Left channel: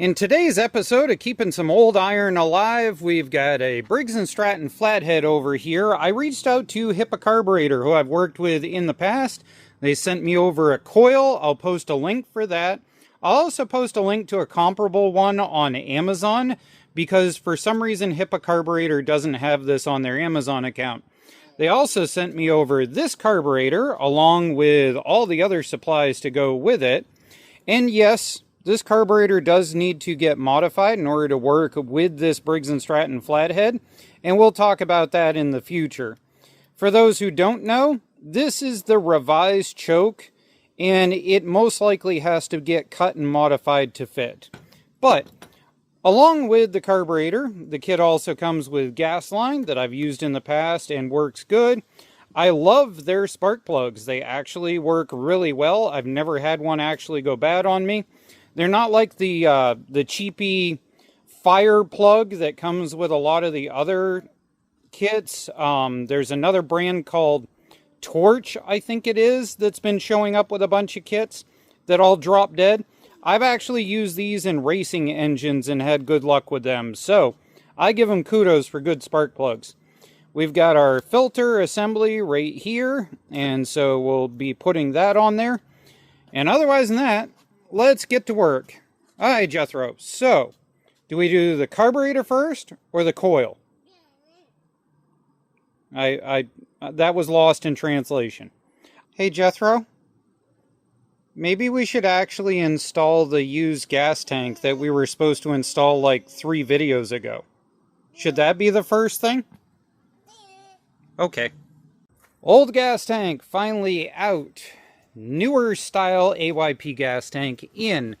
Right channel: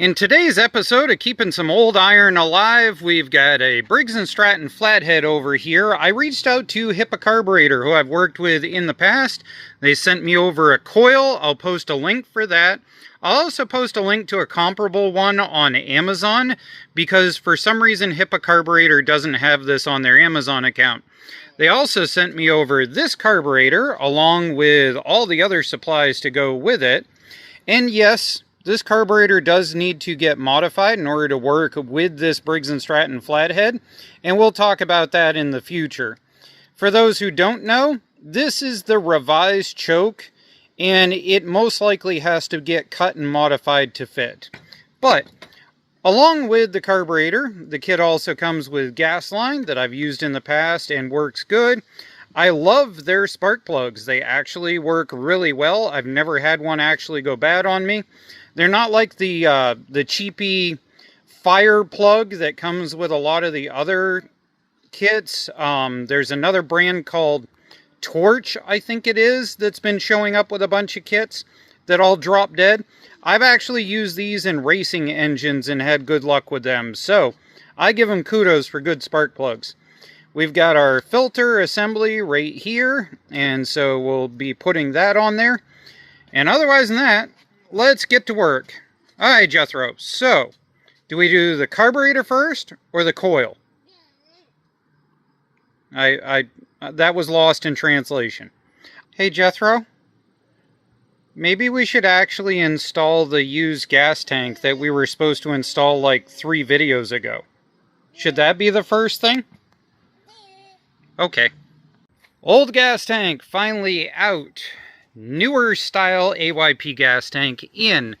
In today's episode of Keeping Some Old Iron Alive, we've got a Briggs & Stratton Flathead over here. I reached out to Hipa Carburetor, who I've worked with in the past. They sent me over a coil. I'll post a link for that. I'll also post a link to a comparable one on Amazon, because for some reason Hipa Carburetor doesn't have this on their Amazon account. They also sent me over this carburetor, along with all the other supplies to go with it. And yes, this carburetor does need to get modified in order to work with this Briggs & Stratton Flathead, and we'll talk about that in the future. For those who don't know, this is the revised choke, and it most likely has to get cut and modified to fit. But along with the carburetor, the kit also comes with gas line that I've used in the past and works good. I love their spark plugs. They actually work really well. I've never had one actually go bad on me. They're not like the cheapy fire plug that comes with a lot of the other kits. There's another brand called Torch, I think it is, that's been showing up with a bunch of kits that all drop dead. I've actually used these in racing engines and had good luck with them, so I give them kudos for good spark plugs. We've got our filter assembly right here, and so we'll be putting that on there. And otherwise than that, let's get to work. All right, Jethro, so do we do the carburetor first or the coil? That was lost in translation. Hey, Jethro, maybe we should actually install the used gas tank that we were supposed to install like 3 videos ago. Should that be the first thing? Okay. Old gas tank finally out. Newer style AYP gas tank in.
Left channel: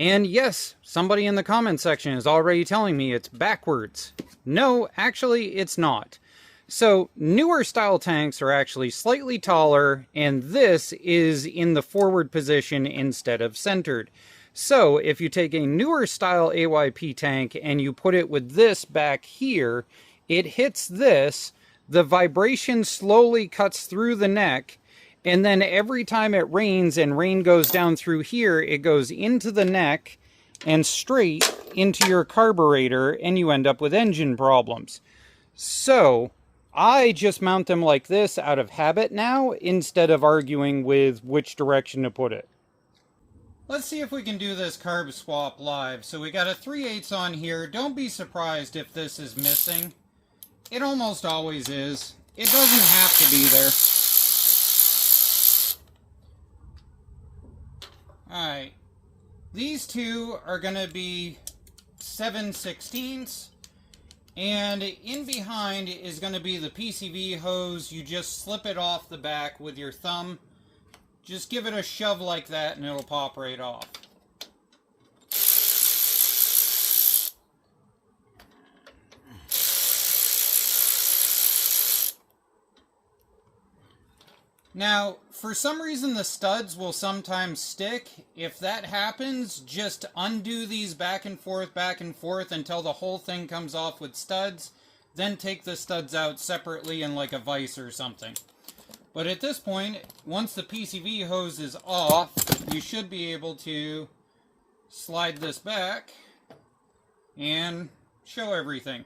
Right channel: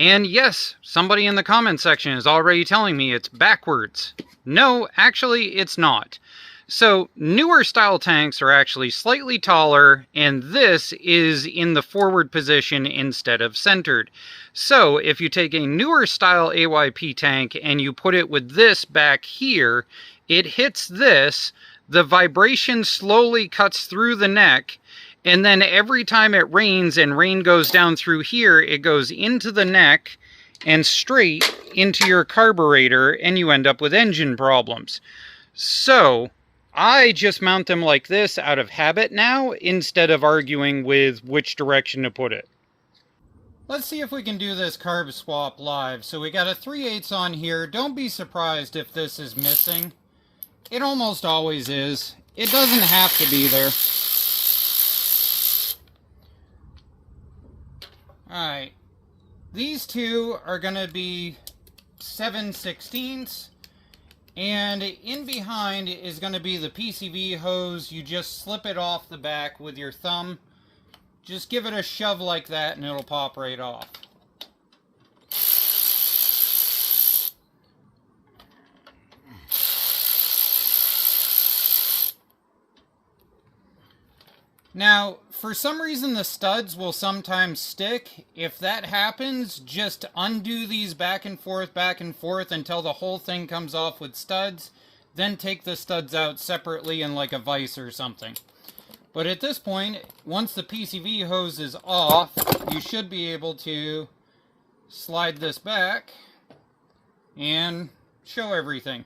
And yes, somebody in the comment section is already telling me it's backwards. No, actually it's not. So newer style tanks are actually slightly taller, and this is in the forward position instead of centered. So if you take a newer style AYP tank and you put it with this back here, it hits this, the vibration slowly cuts through the neck, and then every time it rains and rain goes down through here, it goes into the neck and straight into your carburetor, and you end up with engine problems. So I just mount them like this out of habit now, instead of arguing with which direction to put it. Let's see if we can do this carb swap live. So we got a 3/8 on here. Don't be surprised if this is missing. It almost always is. It doesn't have to be there. Alright, these two are going to be 7/16, and in behind is going to be the PCV hose. You just slip it off the back with your thumb. Just give it a shove like that and it'll pop right off. Now, for some reason the studs will sometimes stick. If that happens, just undo these back and forth until the whole thing comes off with studs. Then take the studs out separately in like a vise or something. But at this point, once the PCV hose is off, you should be able to slide this back and show everything.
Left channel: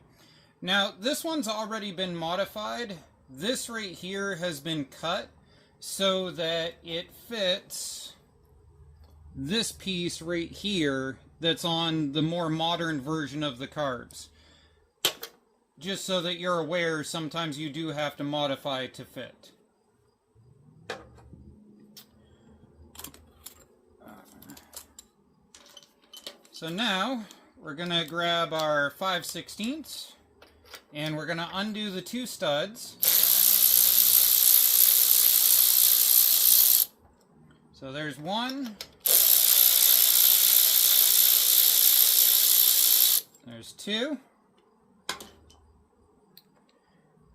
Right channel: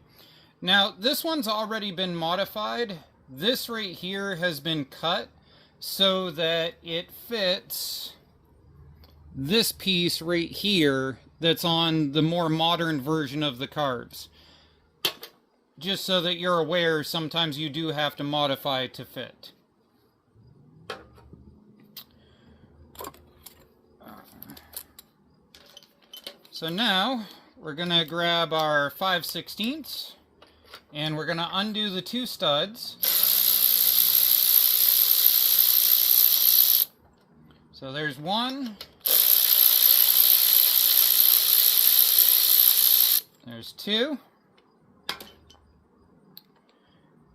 Now, this one's already been modified. This right here has been cut so that it fits this piece right here that's on the more modern version of the carbs. Just so that you're aware, sometimes you do have to modify it to fit. So now we're going to grab our 5/16 and we're going to undo the 2 studs. So there's 1. There's 2.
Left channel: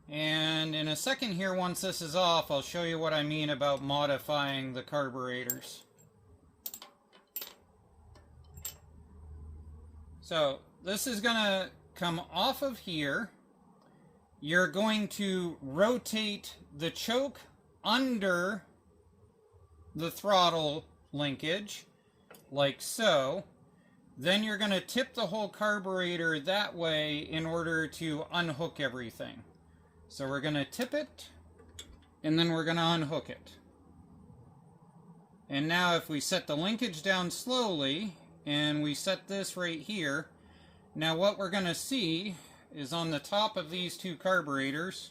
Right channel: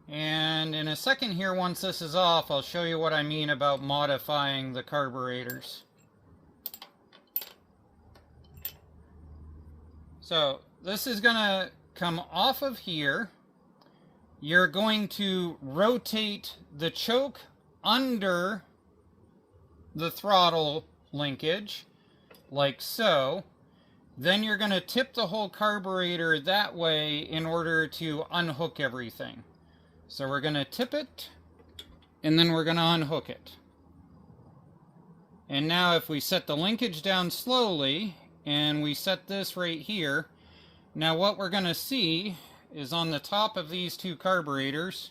And in a second here, once this is off, I'll show you what I mean about modifying the carburetors. So this is going to come off of here. You're going to rotate the choke under the throttle linkage, like so. Then you're going to tip the whole carburetor that way in order to unhook everything. So we're going to tip it, and then we're going to unhook it. And now if we set the linkage down slowly, and we set this right here, now what we're going to see is on the top of these two carburetors,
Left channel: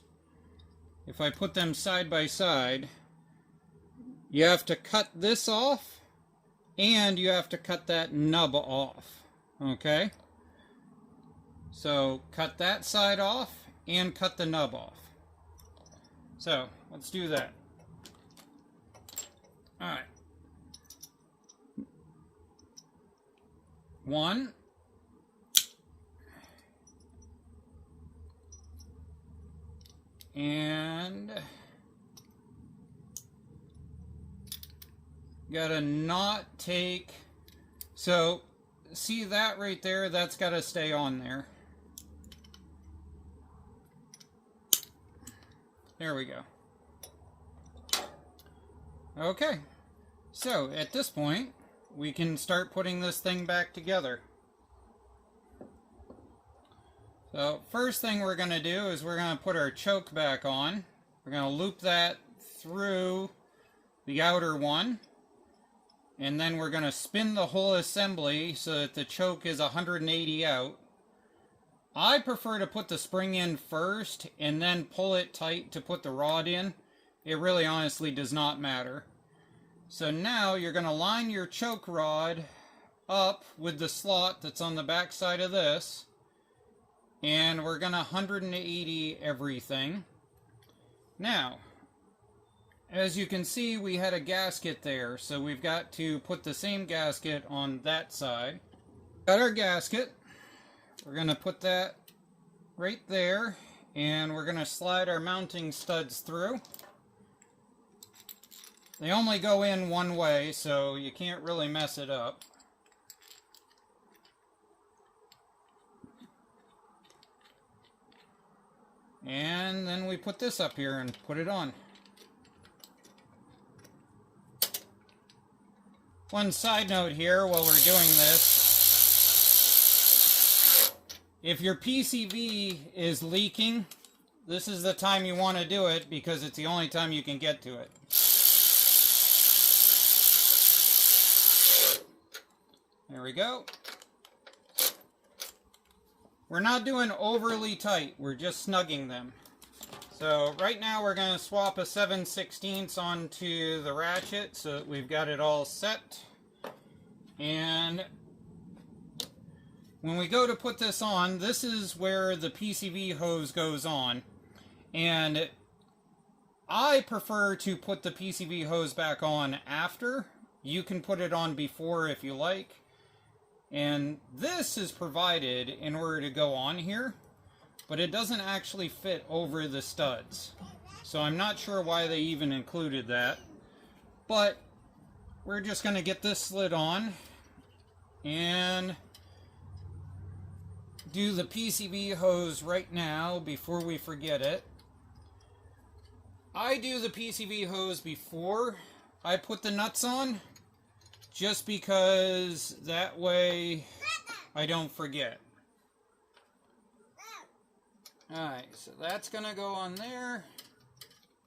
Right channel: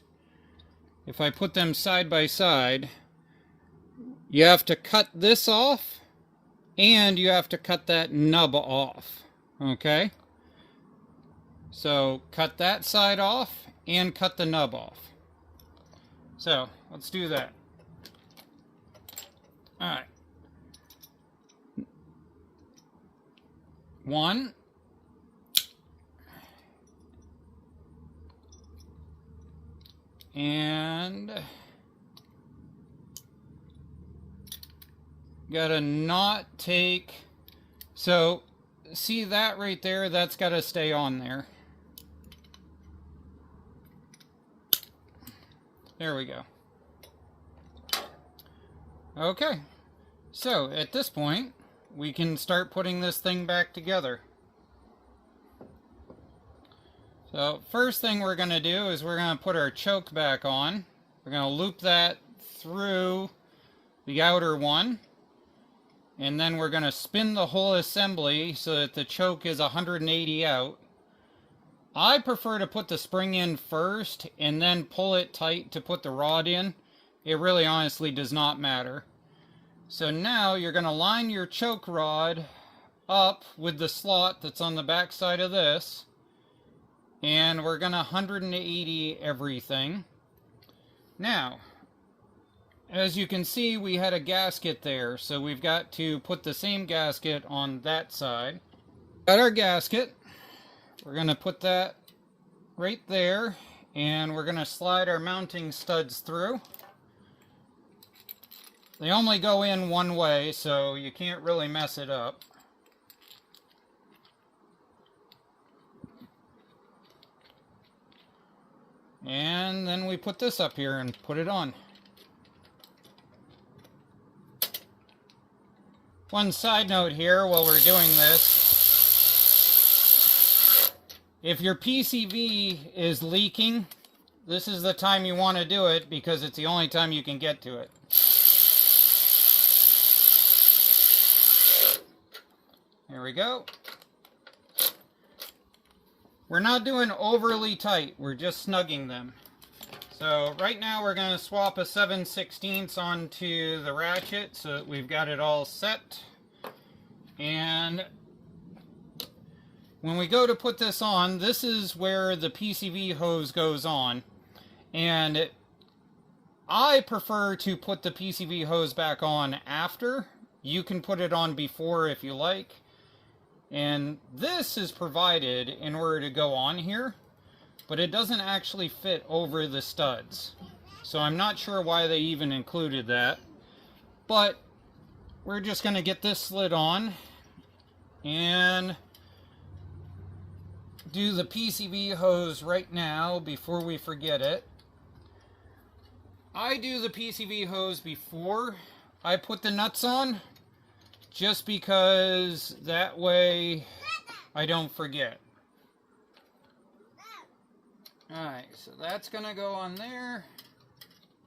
if I put them side by side, you have to cut this off, and you have to cut that nub off, okay? So cut that side off, and cut the nub off. So, let's do that. Alright. 1. And gotta not take, so see that right there, that's gotta stay on there. There we go. Okay, so at this point we can start putting this thing back together. So first thing we're going to do is we're going to put our choke back on. We're going to loop that through the outer one, and then we're going to spin the whole assembly so that the choke is 180 out. I prefer to put the spring in first and then pull it tight to put the rod in. It really honestly does not matter. So now you're going to line your choke rod up with the slot that's on the back side of this. And we're going to 180 everything. Now, as you can see, we had a gasket there. So we've got to put the same gasket on that side. Got our gasket. We're going to put that right there. And we're going to slide our mounting studs through. They only go in one way, so you can't really mess it up. And then we put this up here and put it on. One side note here while we're doing this. If your PCV is leaking, this is the time you want to do it because it's the only time you can get to it. There we go. We're not doing overly tight, we're just snugging them. So right now we're going to swap a 7/16 onto the ratchet so that we've got it all set. And when we go to put this on, this is where the PCV hose goes on. And I prefer to put the PCV hose back on after. You can put it on before if you like. And this is provided in order to go on here, but it doesn't actually fit over the studs. So I'm not sure why they even included that. But we're just going to get this slid on and do the PCV hose right now before we forget it. I do the PCV hose before I put the nuts on, just because that way I don't forget. Alright, so that's going to go on there.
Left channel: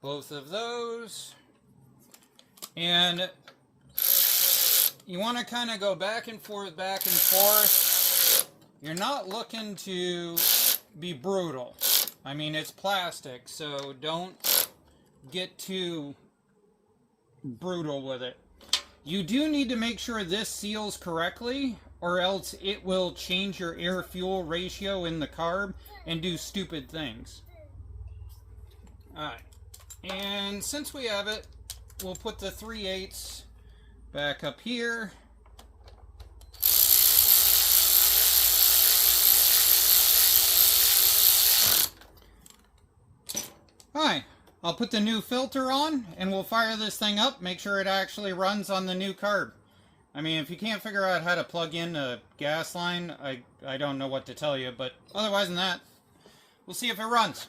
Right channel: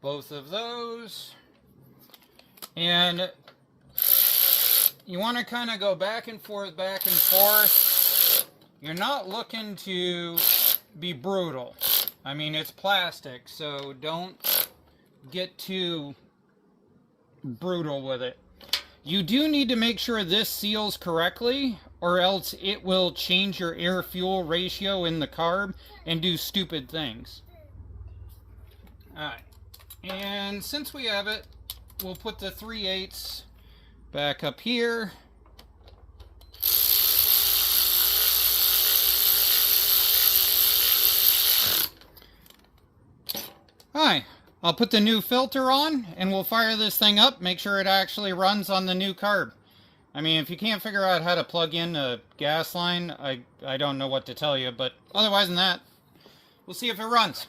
Both of those. And you want to kind of go back and forth, back and forth. You're not looking to be brutal. I mean, it's plastic, so don't get too brutal with it. You do need to make sure this seals correctly, or else it will change your air-fuel ratio in the carb and do stupid things. Alright, and since we have it, we'll put the 3/8 back up here. Alright. I'll put the new filter on and we'll fire this thing up, make sure it actually runs on the new carb. I mean, if you can't figure out how to plug in a gas line, I don't know what to tell you, but otherwise than that, we'll see if it runs.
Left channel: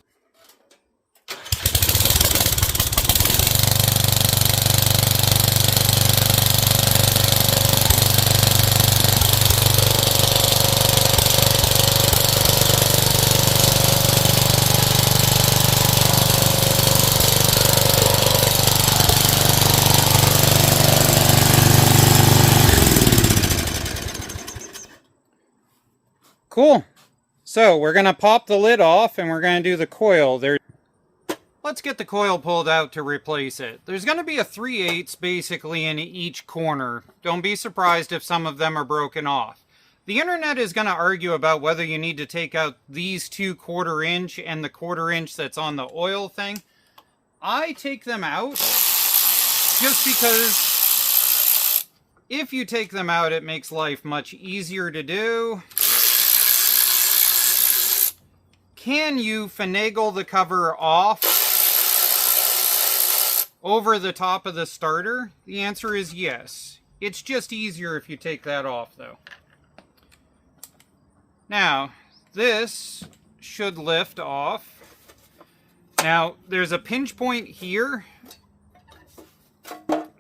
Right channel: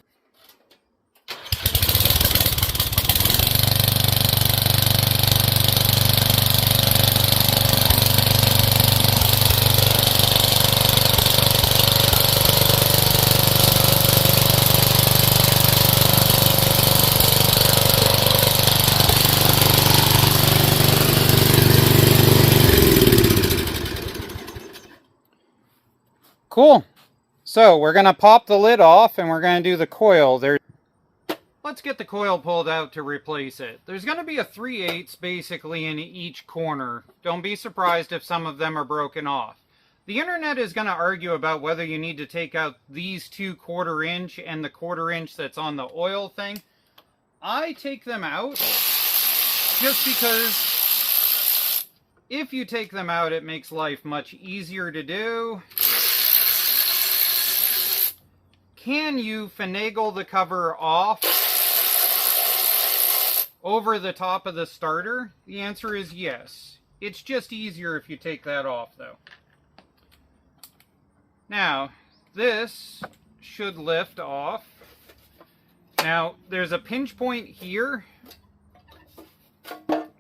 Cool. So we're going to pop the lid off and we're going to do the coil. Let's get the coil pulled out to replace it. There's going to be a 3/8 basically in each corner. Don't be surprised if some of them are broken off. The internet is going to argue about whether you need to take out these 2 1/4 inch and the 1/4 inch that's on the oil thing. I take them out just because if you take them out, it makes life much easier to do. Can you finagle the cover off over the top of the starter? The answer is yes. It's just easier if you take that off though. Now, this should lift off. Now, there's a pinch point here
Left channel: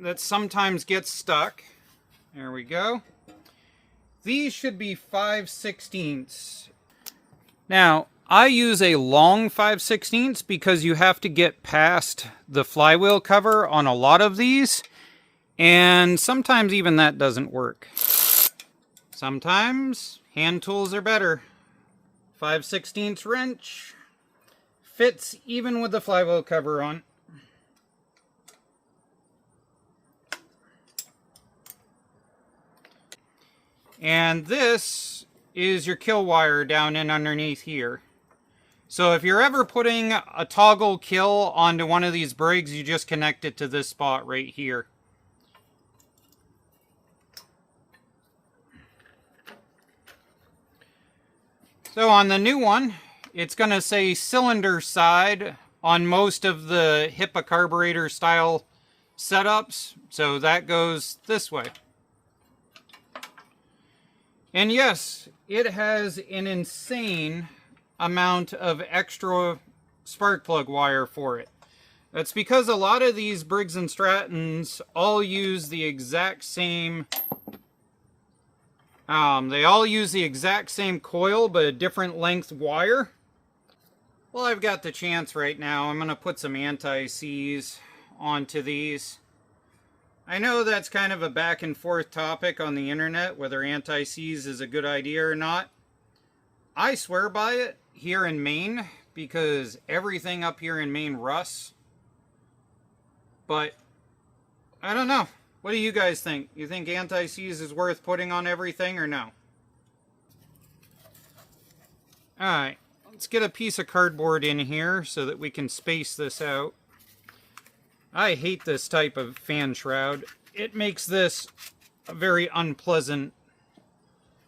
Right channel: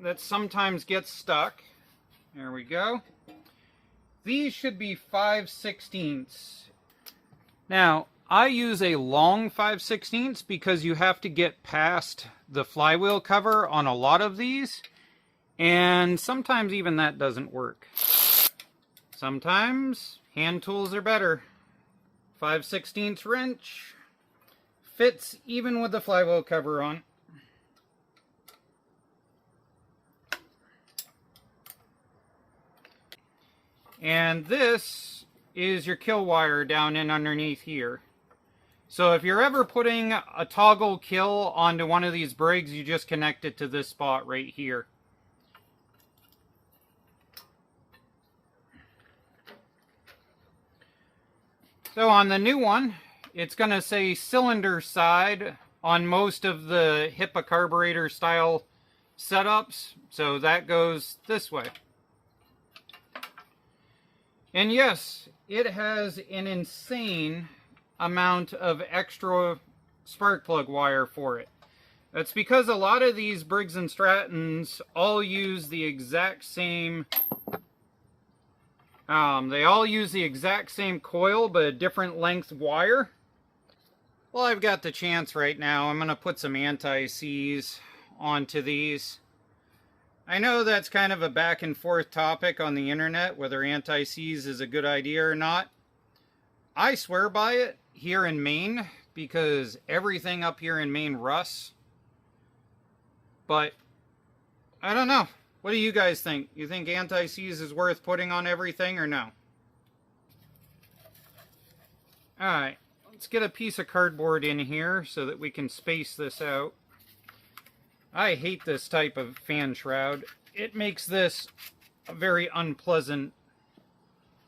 that sometimes gets stuck. There we go. These should be 5/16. Now, I use a long 5/16 because you have to get past the flywheel cover on a lot of these, and sometimes even that doesn't work. Sometimes hand tools are better. 5/16 wrench fits even with the flywheel cover on. And this is your kill wire down in underneath here. So if you're ever putting a toggle kill onto one of these Briggs, you just connect it to this spot right here. So on the new one, it's going to say cylinder side on most of the Hipa carburetor style setups. So that goes this way. And yes, it has an insane amount of extra spark plug wire for it. That's because a lot of these Briggs and Strattons all use the exact same coil, but a different length wire. Well, I've got the chance right now. I'm going to put some anti-seize onto these. I know that's kind of a back and forth topic on the internet, whether anti-seize is a good idea or not. I swear by it here in Maine, because everything up here in Maine rusts. But, I don't know. What do you guys think? You think anti-seize is worth putting on everything or no? Alright, let's get a piece of cardboard in here so that we can space this out. I hate this type of fan shroud. It makes this a very unpleasant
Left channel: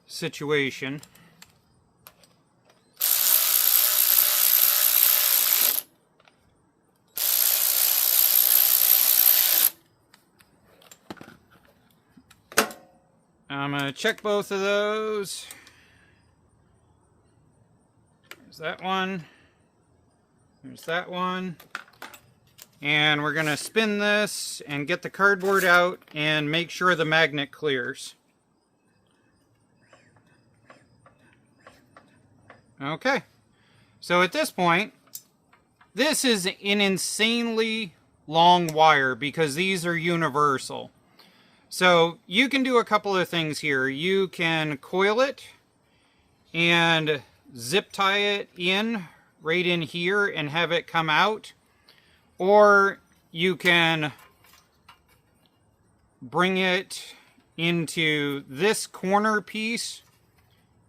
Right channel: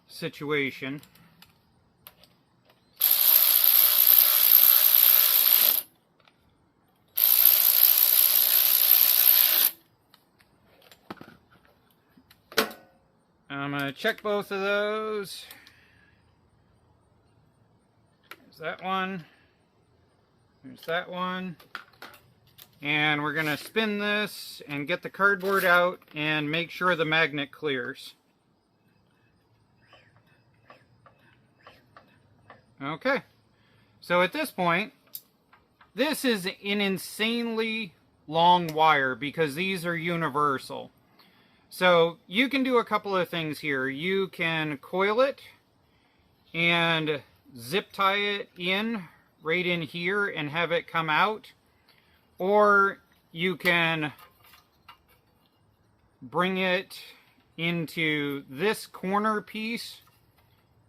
situation. I'm going to check both of those. There's that one. There's that one. And we're going to spin this and get the cardboard out and make sure the magnet clears. Okay. So at this point, this is an insanely long wire because these are universal. So you can do a couple of things here. You can coil it and zip tie it in right in here and have it come out. Or you can bring it into this corner piece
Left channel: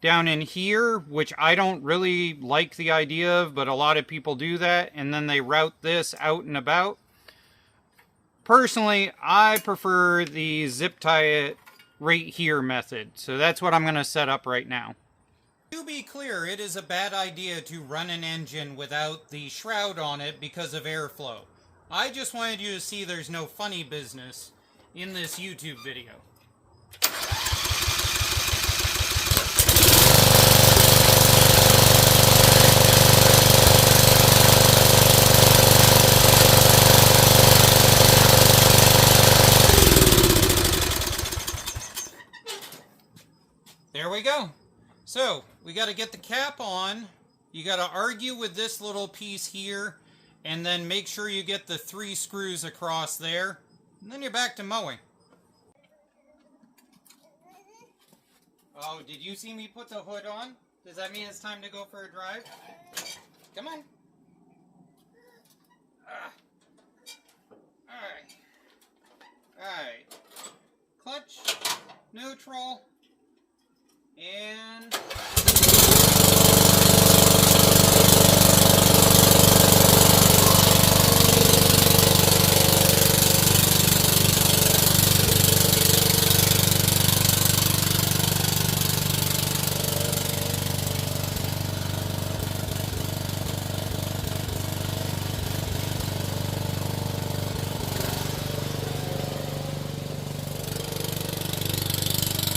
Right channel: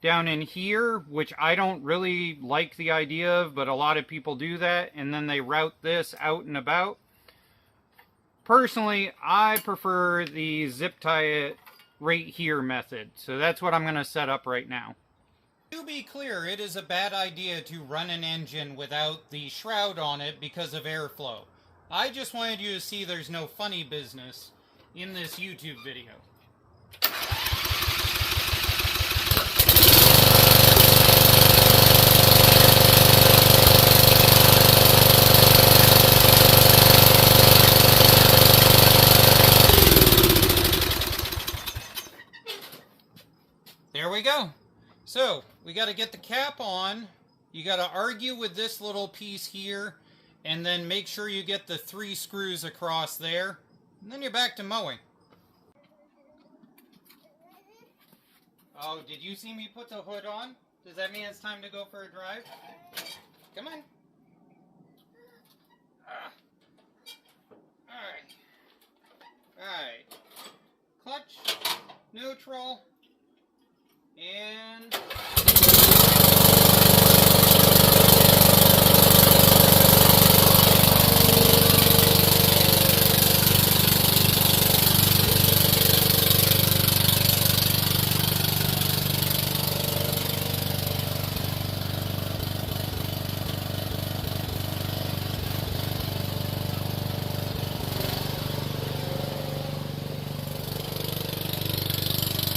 down in here, which I don't really like the idea of, but a lot of people do that, and then they route this out and about. Personally, I prefer the zip tie it right here method, so that's what I'm going to set up right now. To be clear, it is a bad idea to run an engine without the shroud on it because of airflow. I just wanted you to see there's no funny business in this YouTube video. There we go. So, we got to get the cap on. You got to argue with this little piece here, and then make sure you get the 3 screws across there, and then you're back to mowing. Oh, did you see me put the hood on? Does that mean it's time to go for a drive? Come on. Alright. Alright. Clutch, neutral, and